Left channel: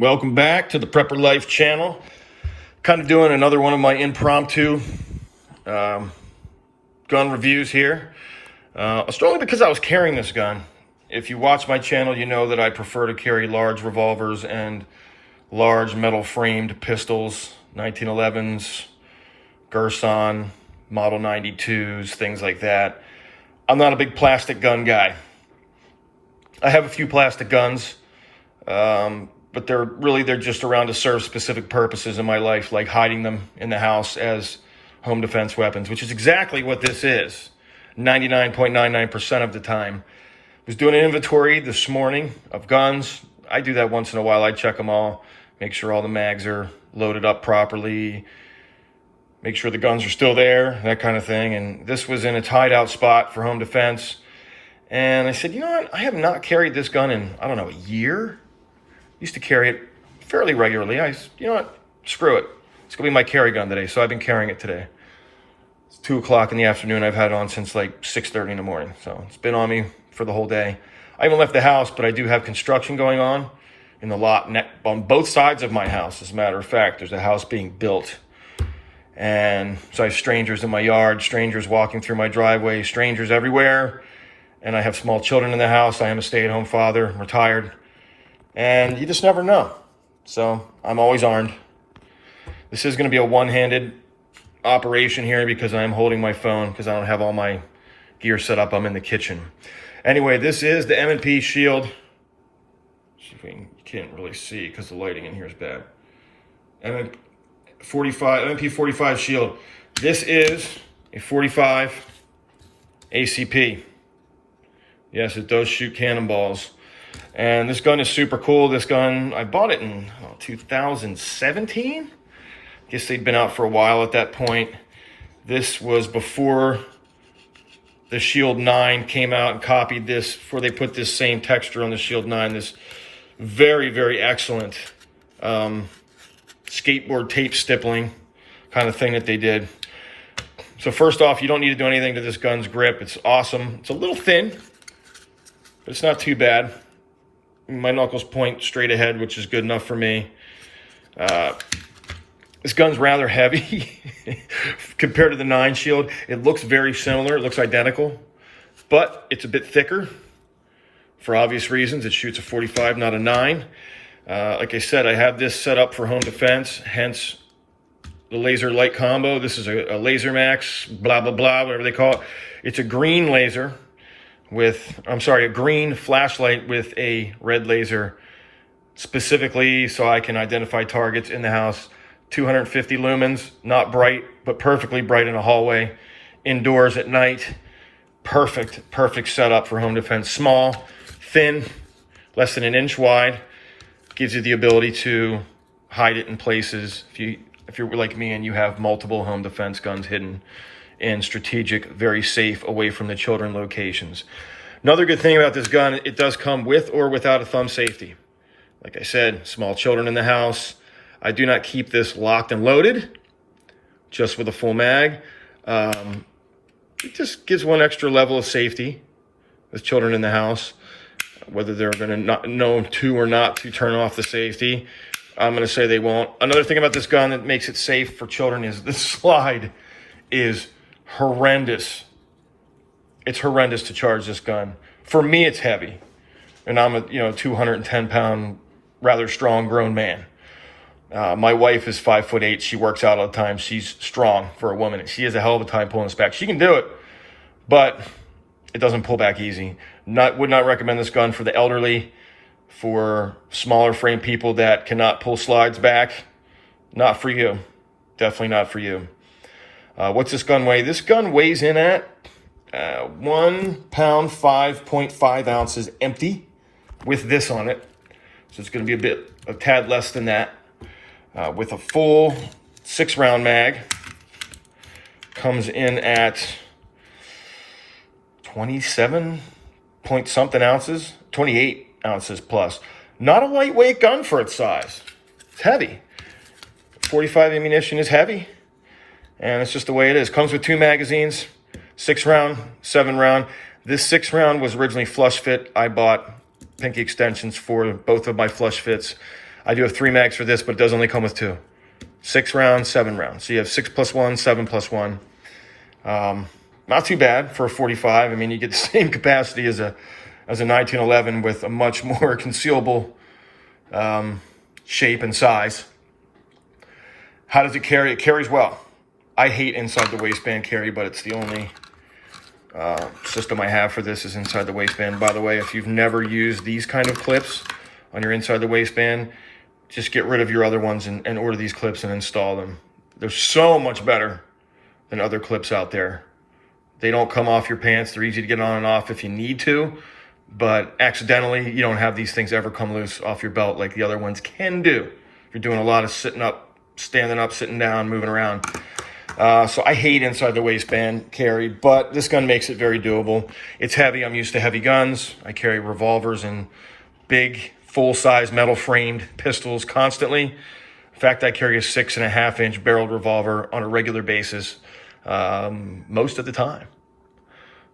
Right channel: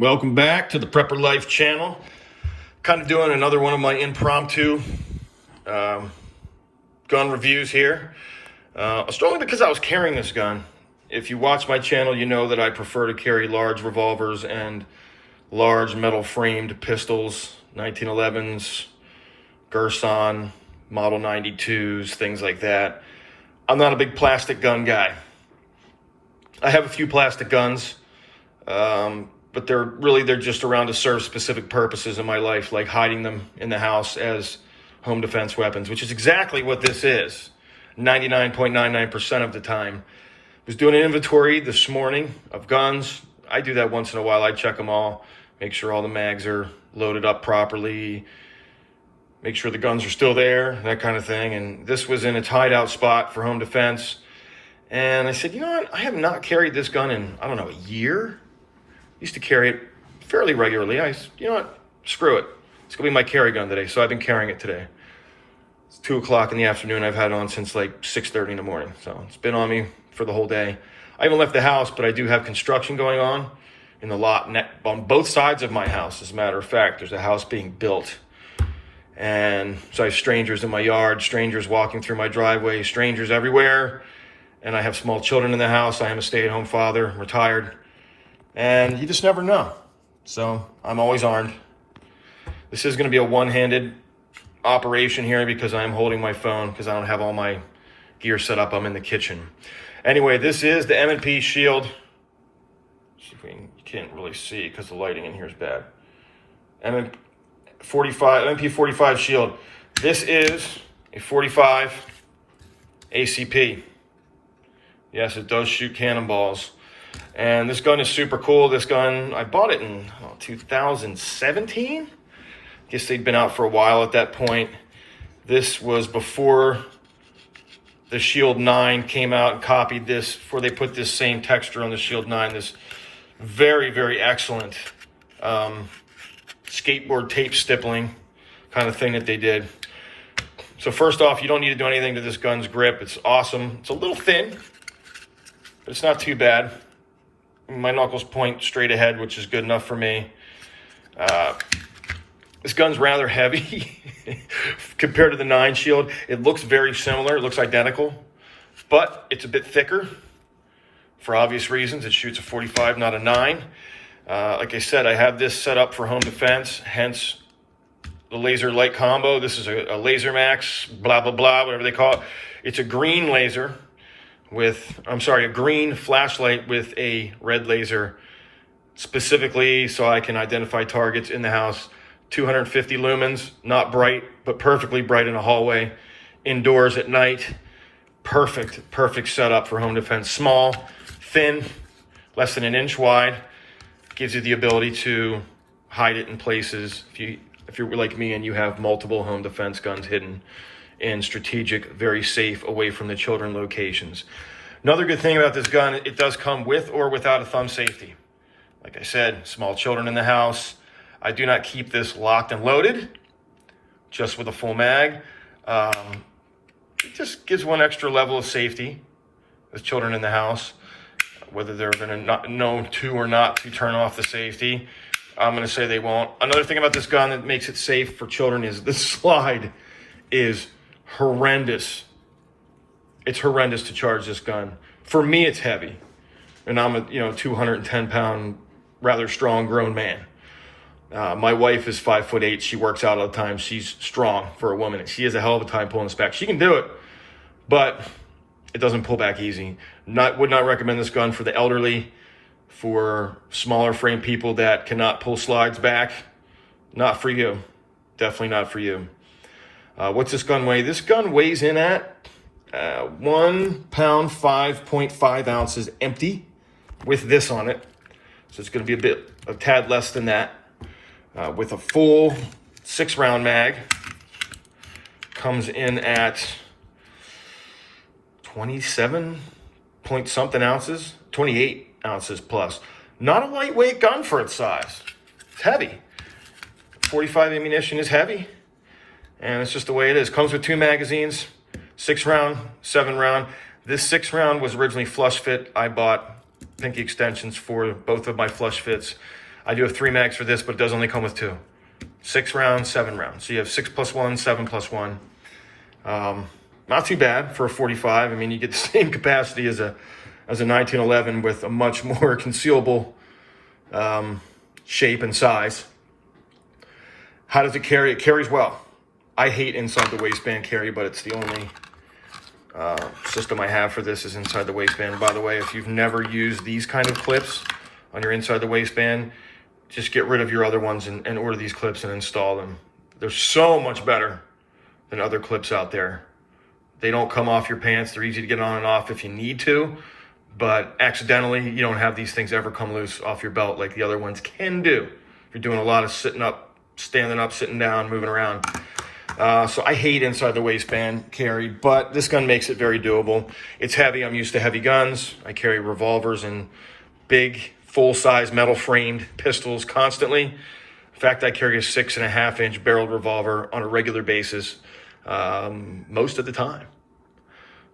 Welcome back to the Prepper Life channel. Kind of doing another one of my impromptu gun reviews here. Strongly because I was carrying this gun. If you watch my channel, you know that I prefer to carry large revolvers and large metal framed pistols, 1911s, Gerson, Model 92s, things like that. I'm not a big plastic gun guy. I have a few plastic guns, but they're just around to serve specific purposes in my life, like hiding them in the house as home defense weapons, which is exactly what this is 99.99% of the time. I was doing an inventory this morning of guns. I do that once in a while. I check them all, make sure all the mags are loaded up properly, make sure the guns are still there, that kind of thing. And this was in its hideout spot for home defense. And I said, you know what? I have not carried this gun in, I don't know, a year. Used to carry it fairly regularly. You know what? Screw it. It's gonna be my carry gun today. So I've been carrying it today. It's 2 o'clock in the afternoon. I've had it on since like 6:30 in the morning. So it's been on me for the whole day. I haven't left the house, but I do have construction going on in the lot on both sides of my house. As a matter of fact, there's a house being built. And so I have strangers in my yard, strangers walking through my driveway, strangers everywhere. And I have small children in the house. I am a stay-at-home father, retired. And you just never know. So I'm always armed. This is going to be a one-handed operation here because I'm holding my phone because I don't have all my gear set up. I'm in the kitchen. Anyway, this is the M&P shield. You can't really see because the lighting in here is bad. M&P 45 shield. This is a 45 ACP. Yes, it does shoot cannonballs. And this gun is super cool. This gun, I bought it in 2017. Guess they'd been out for a while at that point. This was before the Shield 9 came out and copied this, before they put this same texture on the Shield 9. This very, very excellent skateboard tape stippling kind of thing that they did. So first off, you don't need to do anything to this gun's grip. It's awesome. It's a little thin, but it's not too bad. My knuckles point straight ahead, which is good enough for me. This gun's rather heavy compared to the 9 shield. It looks very similar. It looks identical, but it's a bit thicker for obvious reasons. It shoots a 45, not a 9. Like I said, I have this set up for home defense, hence the laser light combo. This is a Laser Max, blah, blah, blah, whatever they call it. It's a green laser a green flashlight with a red laser, specifically so I can identify targets in the house. 250 lumens, not bright, but perfectly bright in a hallway. Indoors at night, perfect setup for home defense. Small, thin, less than an inch wide. Gives you the ability to hide it in places if you're like me and you have multiple home defense guns hidden in strategic, very safe, away from the children locations. Another good thing about this gun, it does come with or without a thumb safety. Like I said, small children in the house. I do not keep this locked and loaded, just with a full mag. It just gives one extra level of safety with children in the house, whether they're going to know to or not to turn off the safety. I'm going to say they won't. Another thing about this gun that makes it safe for children is the slide is horrendous. It's horrendous to charge this gun. For me, it's heavy, and I'm a 210-pound, rather strong grown man. My wife is 5'8". She works out all the time. She's strong for a woman, and she has a hell of a time pulling this back. She can do it, but it doesn't pull back easy. Would not recommend this gun for the elderly, for smaller frame people that cannot pull slides back. Not for you. Definitely not for you. What's this gun weigh? This gun weighs in at 1 pound, 5.5 ounces empty with this on it. So it's going to be a tad less than that. With a full 6-round mag. Comes in at 27 point something ounces, 28 ounces plus. Not a lightweight gun for its size. It's heavy. 45 ammunition is heavy. And it's just the way it is. Comes with 2 magazines, 6-round, 7-round. This 6-round was originally flush fit. I bought pinky extensions for both of my flush fits. I do have 3 mags for this, but it does only come with 2. 6 rounds, 7 rounds. So you have 6+1, 7+1. Not too bad for a 45. I mean, you get the same capacity as a 1911 with a much more concealable shape and size. How does it carry? It carries well. I hate inside the waistband carry, but it's the only system I have for this is inside the waistband. By the way, if you've never used these kind of clips on your inside the waistband, just get rid of your other ones and order these clips and install them. They're so much better than other clips out there. They don't come off your pants. They're easy to get on and off if you need to, but accidentally, you don't have these things ever come loose off your belt like the other ones can do. If you're doing a lot of sitting up, standing up, sitting down, moving around. So I hate inside the waistband carry, but this gun makes it very doable. It's heavy. I'm used to heavy guns. I carry revolvers and big, full-size metal-framed pistols constantly. In fact, I carry a 6.5-inch barreled revolver on a regular basis most of the time.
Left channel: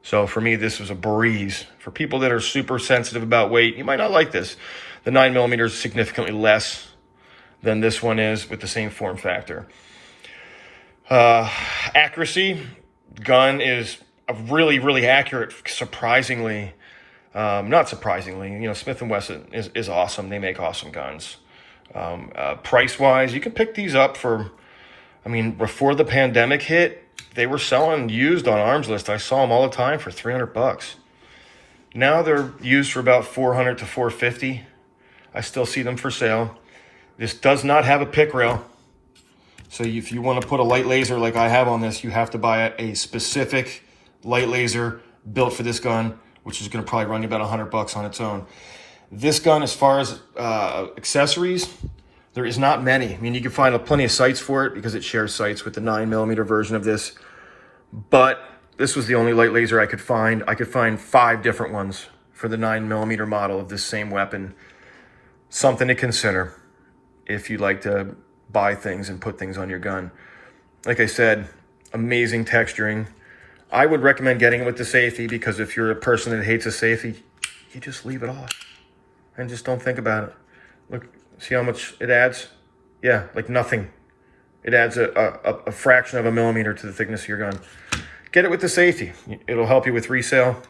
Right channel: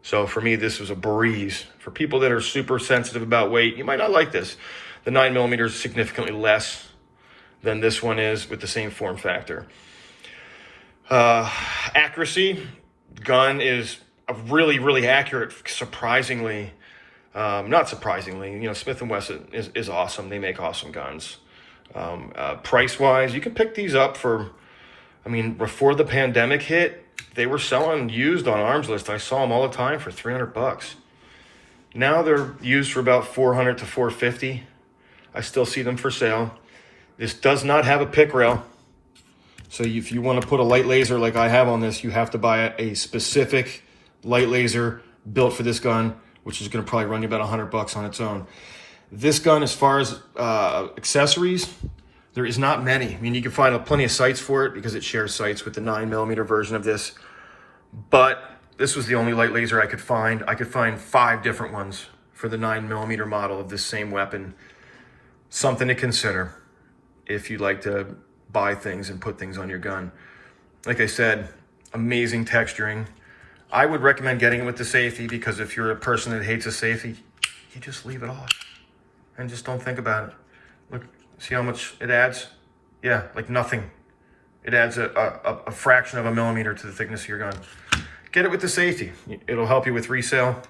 So for me, this was a breeze. For people that are super sensitive about weight, you might not like this. The 9mm is significantly less than this one is with the same form factor. Accuracy, gun is a really, really accurate, surprisingly. Not surprisingly, you know, Smith & Wesson is awesome. They make awesome guns. Price-wise, you can pick these up for, I mean, before the pandemic hit, they were selling used on Arms List. I saw them all the time for $300. Now they're used for about $400 to $450. I still see them for sale. This does not have a pick rail. So if you want to put a light laser like I have on this, you have to buy a specific light laser built for this gun, which is going to probably run you about $100 on its own. This gun, as far as accessories, there is not many. I mean, you can find plenty of sights for it because it shares sights with the 9mm version of this. But this was the only light laser I could find. I could find 5 different ones for the 9mm model of this same weapon. Something to consider if you'd like to buy things and put things on your gun. Like I said, amazing texturing. I would recommend getting it with the safety because if you're a person that hates a safety, you just leave it off and just don't think about it. Look, see how much it adds? Yeah, like nothing. It adds a fraction of a millimeter to the thickness of your gun. Get it with the safety. It'll help you with resale.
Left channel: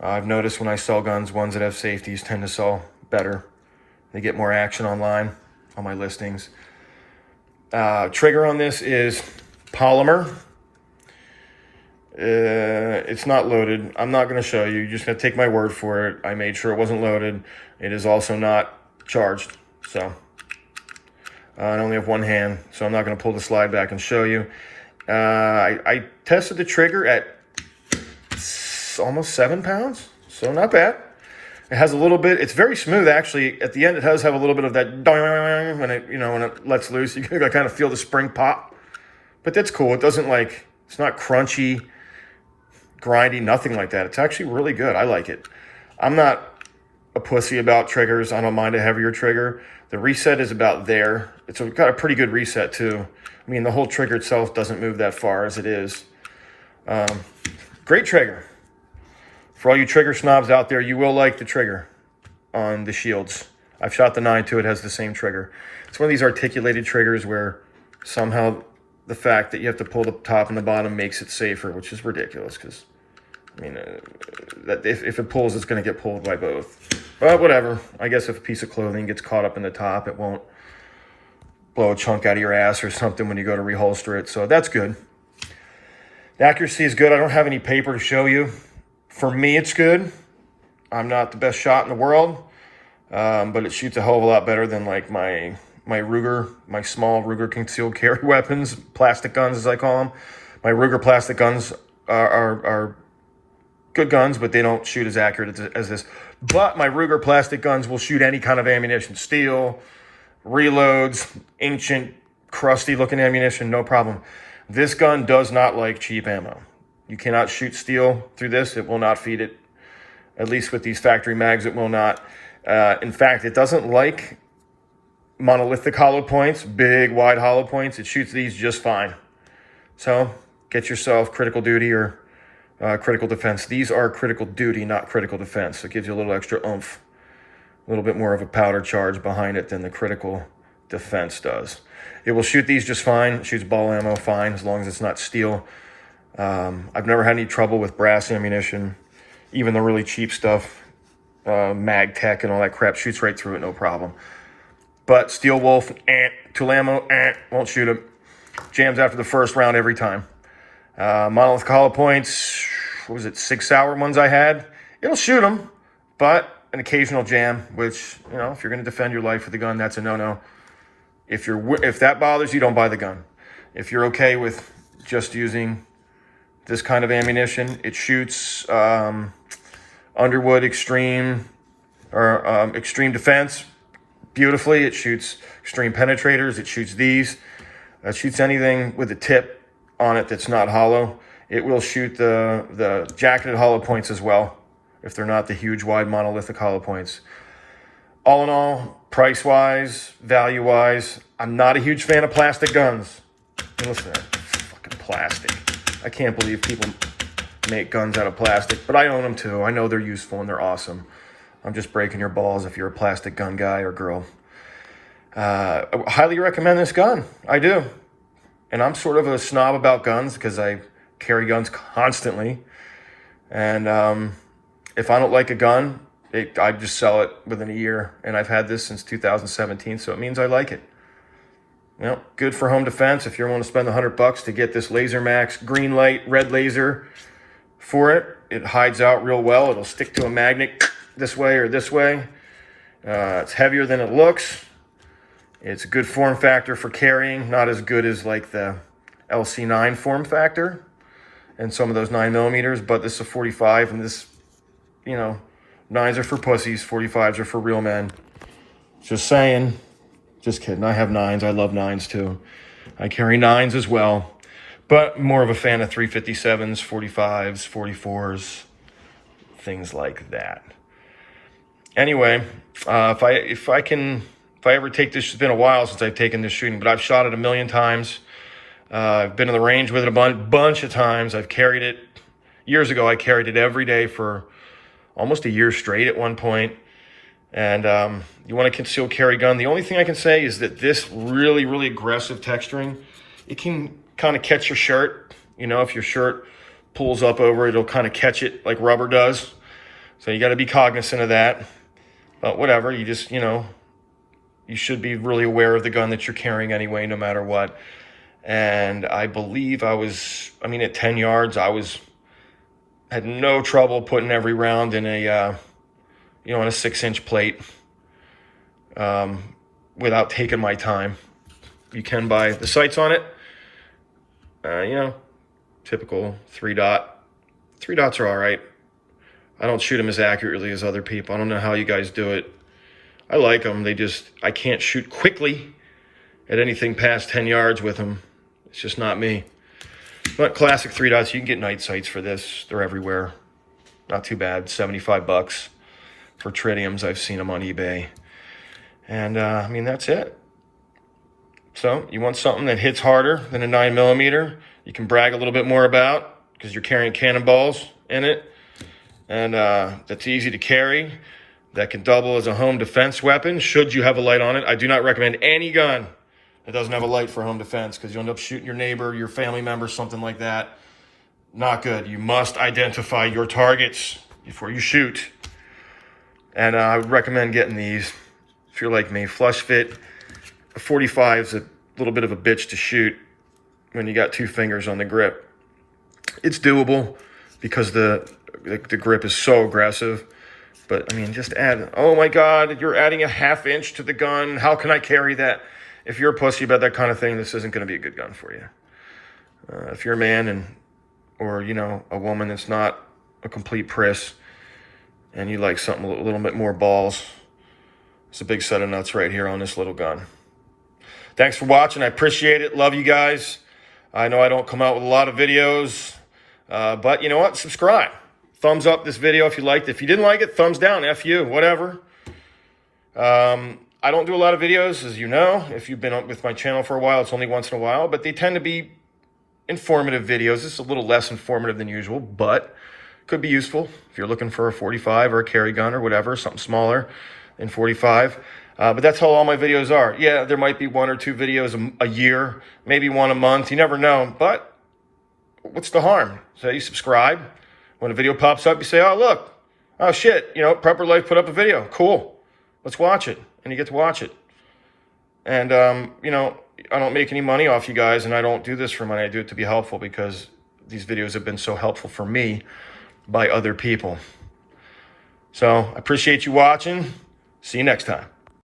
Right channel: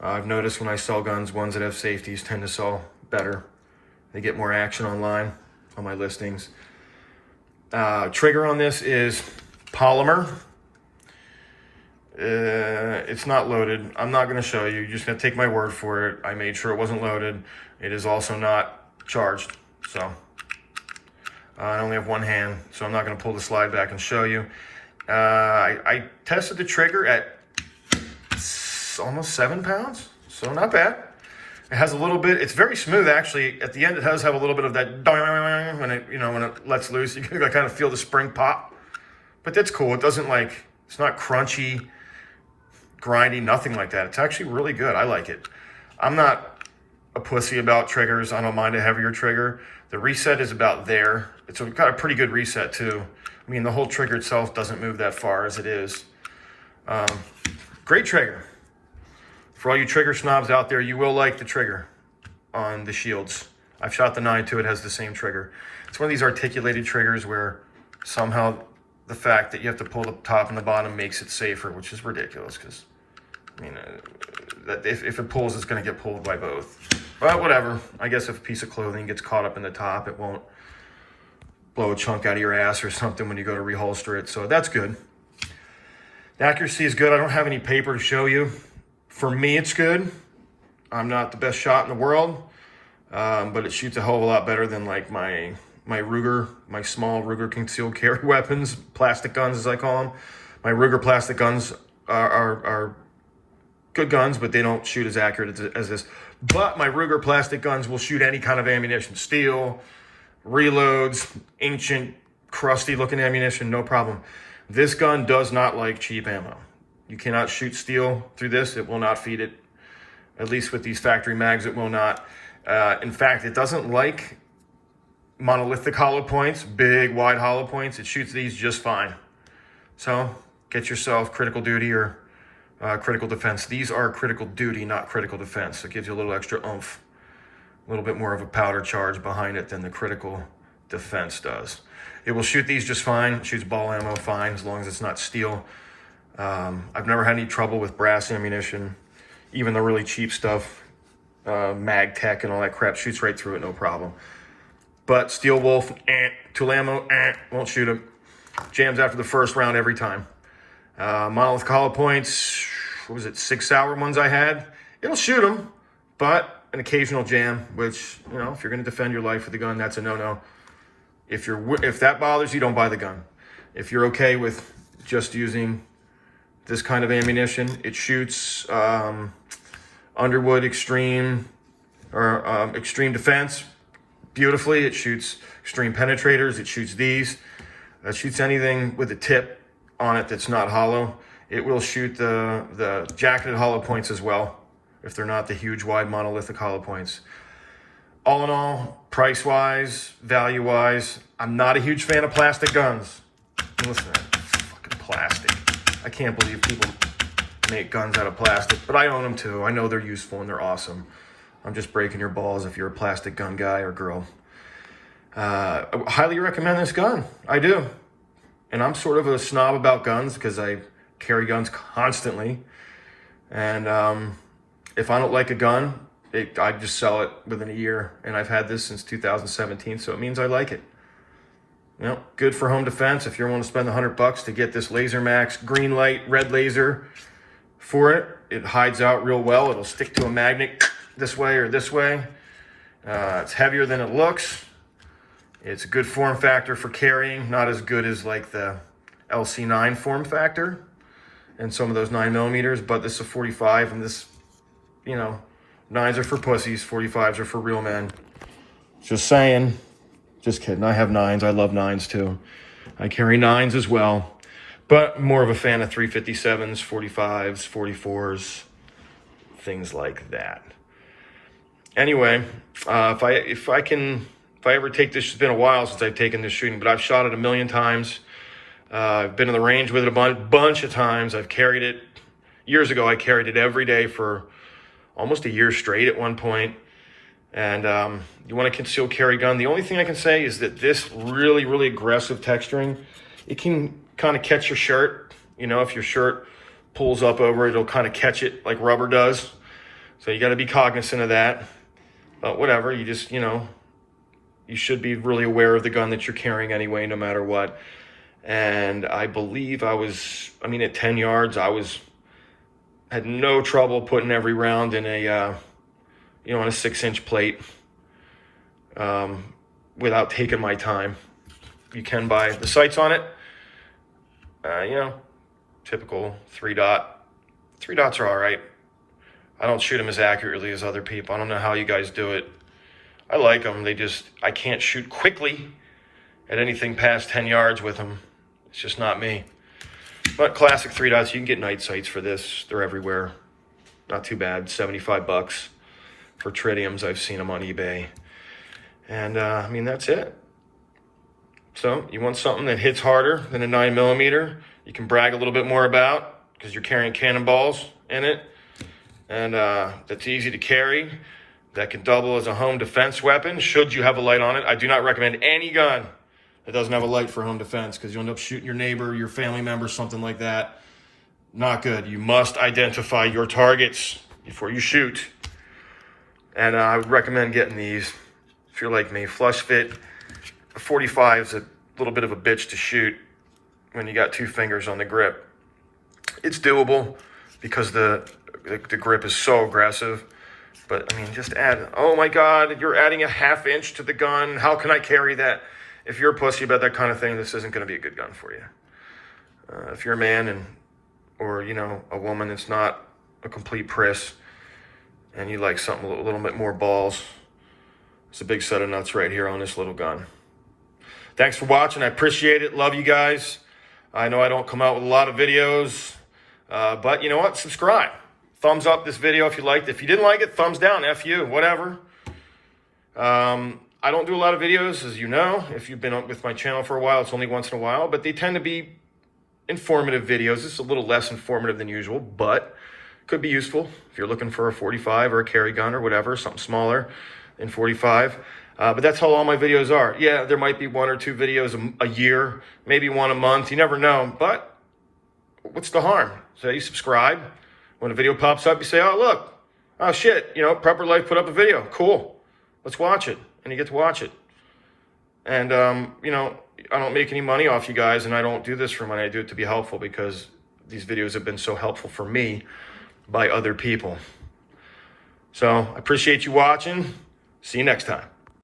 I've noticed when I sell guns, ones that have safeties tend to sell better. They get more action online on my listings. Trigger on this is polymer. It's not loaded. I'm not going to show you. You're just going to take my word for it. I made sure it wasn't loaded. It is also not charged. So I only have one hand, so I'm not going to pull the slide back and show you. I tested the trigger at almost 7 pounds, so not bad. It has a little bit, it's very smooth actually. At the end, it does have a little bit of that when it lets loose. You can kind of feel the spring pop, but that's cool. It doesn't it's not crunchy, grindy, nothing like that. It's actually really good. I like it. I'm not a pussy about triggers. I don't mind a heavier trigger. The reset is about there. It's got a pretty good reset too. I mean, the whole trigger itself doesn't move that far as it is. Great trigger. For all you trigger snobs out there, you will like the trigger on the Shields. I've shot the 9 too. It has the same trigger. It's one of these articulated triggers where somehow the fact that you have to pull the top and the bottom makes it safer, which is ridiculous because, I mean, that if it pulls, it's going to get pulled by both. But whatever. I guess if a piece of clothing gets caught up in the top, it won't blow a chunk out of your ass or something when you go to reholster it. So that's good. The accuracy is good. I don't have any paper to show you. For me, it's good. I'm not the best shot in the world, but it shoots a hell of a lot better than like my Ruger, my small Ruger concealed carry weapons, plastic guns as I call them. My Ruger plastic guns are good guns, but they don't shoot as accurate as this. But my Ruger plastic guns will shoot any kind of ammunition, steel, reloads, ancient, crusty looking ammunition, no problem. This gun does not like cheap ammo. You cannot shoot steel through this. It will not feed it. At least with these factory mags, it will not. In fact, it doesn't like monolithic hollow points, big, wide hollow points. It shoots these just fine. So get yourself critical duty or critical defense. These are critical duty, not critical defense. It gives you a little extra oomph little bit more of a powder charge behind it than the critical defense does. It will shoot these just fine. It shoots ball ammo fine as long as it's not steel. I've never had any trouble with brass ammunition. Even the really cheap stuff, Mag Tech and all that crap, shoots right through it, no problem. But Steel Wolf, tool ammo, won't shoot it. Jams after the first round every time. Monolithic hollow points, what was it, 6 sour ones I had? It'll shoot them, but an occasional jam, which, you know, if you're going to defend your life with a gun, that's a no-no. If that bothers you, don't buy the gun. If you're okay with just using this kind of ammunition, it shoots Underwood Extreme or Extreme Defense beautifully. It shoots Extreme Penetrators. It shoots these. It shoots anything with a tip on it that's not hollow. It will shoot the jacketed hollow points as well, if they're not the huge wide monolithic hollow points. All in all, price-wise, value-wise, I'm not a huge fan of plastic guns. Listen to that, fucking plastic. I can't believe people make guns out of plastic, but I own them too. I know they're useful and they're awesome. I'm just breaking your balls if you're a plastic gun guy or girl. I highly recommend this gun. I do. And I'm sort of a snob about guns because I carry guns constantly. And if I don't like a gun, I just sell it within a year. And I've had this since 2017, so it means I like it. You know, good for home defense. If you're willing to spend $100 to get this Laser Max green light, red laser for it, it hides out real well. It'll stick to a magnet this way or this way. It's heavier than it looks. It's a good form factor for carrying, not as good as like the LC9 form factor and some of those 9mm, but this is a 45, and this, you know, 9s are for pussies, 45s are for real men. Just saying. Just kidding. I have 9s. I love 9s too. I carry 9s as well, but more of a fan of 357s, 45s, 44s, things like that. Anyway, if I ever take this, it's been a while since I've taken this shooting, but I've shot it a million times. I've been in the range with it a bunch of times. I've carried it. Years ago, I carried it every day for almost a year straight at one point. And you want a concealed carry gun. The only thing I can say is that this really, really aggressive texturing, it can kind of catch your shirt. You know, if your shirt pulls up over it, it'll kind of catch it like rubber does. So you got to be cognizant of that. But whatever, you just, you know, you should be really aware of the gun that you're carrying anyway, no matter what. And I believe at 10 yards, had no trouble putting every round in a, on a 6-inch plate without taking my time. You can buy the sights on it, typical 3-dot. 3-dots are all right. I don't shoot them as accurately as other people. I don't know how you guys do it. I like them. I can't shoot quickly at anything past 10 yards with them. It's just not me. But classic 3-dots, you can get night sights for this. They're everywhere. Not too bad, $75 for tritiums. I've seen them on eBay. And that's it. So you want something that hits harder than a 9mm, you can brag a little bit more about because you're carrying cannonballs in it. And that's easy to carry. That can double as a home defense weapon should you have a light on it. I do not recommend any gun that doesn't have a light for home defense because you'll end up shooting your neighbor, your family member, something like that. Not good. You must identify your targets before you shoot. And I would recommend getting these if you're like me. Flush fit. A 45 is a little bit of a bitch to shoot when you got 2 fingers on the grip. It's doable because the grip is so aggressive. But just add, oh my God, you're adding a 1/2 inch to the gun. How can I carry that? If you're a pussy about that kind of thing, this isn't going to be a good gun for you. If you're a man or a woman that's not a complete priss and you like something a little bit more balls, it's a big set of nuts right here on this little gun. Thanks for watching. I appreciate it. Love you guys. I know I don't come out with a lot of videos, but you know what? Subscribe. Thumbs up this video if you liked it. If you didn't like it, thumbs down. F you, whatever. I don't do a lot of videos, as you know. If you've been with my channel for a while, it's only once in a while, but they tend to be informative videos. This is a little less informative than usual, but could be useful if you're looking for a 45 or a carry gun or whatever, something smaller. in 45. But that's how all my videos are. Yeah, there might be 1 or 2 videos a year, maybe 1 a month. You never know. But what's the harm? So you subscribe. When a video pops up, you say, oh, look. Oh, shit. You know, Prepper Life put up a video. Cool. Let's watch it. And you get to watch it. And, you know, I don't make any money off you guys, and I don't do this for money. I do it to be helpful because these videos have been so helpful for me by other people. So I appreciate you watching. See you next time.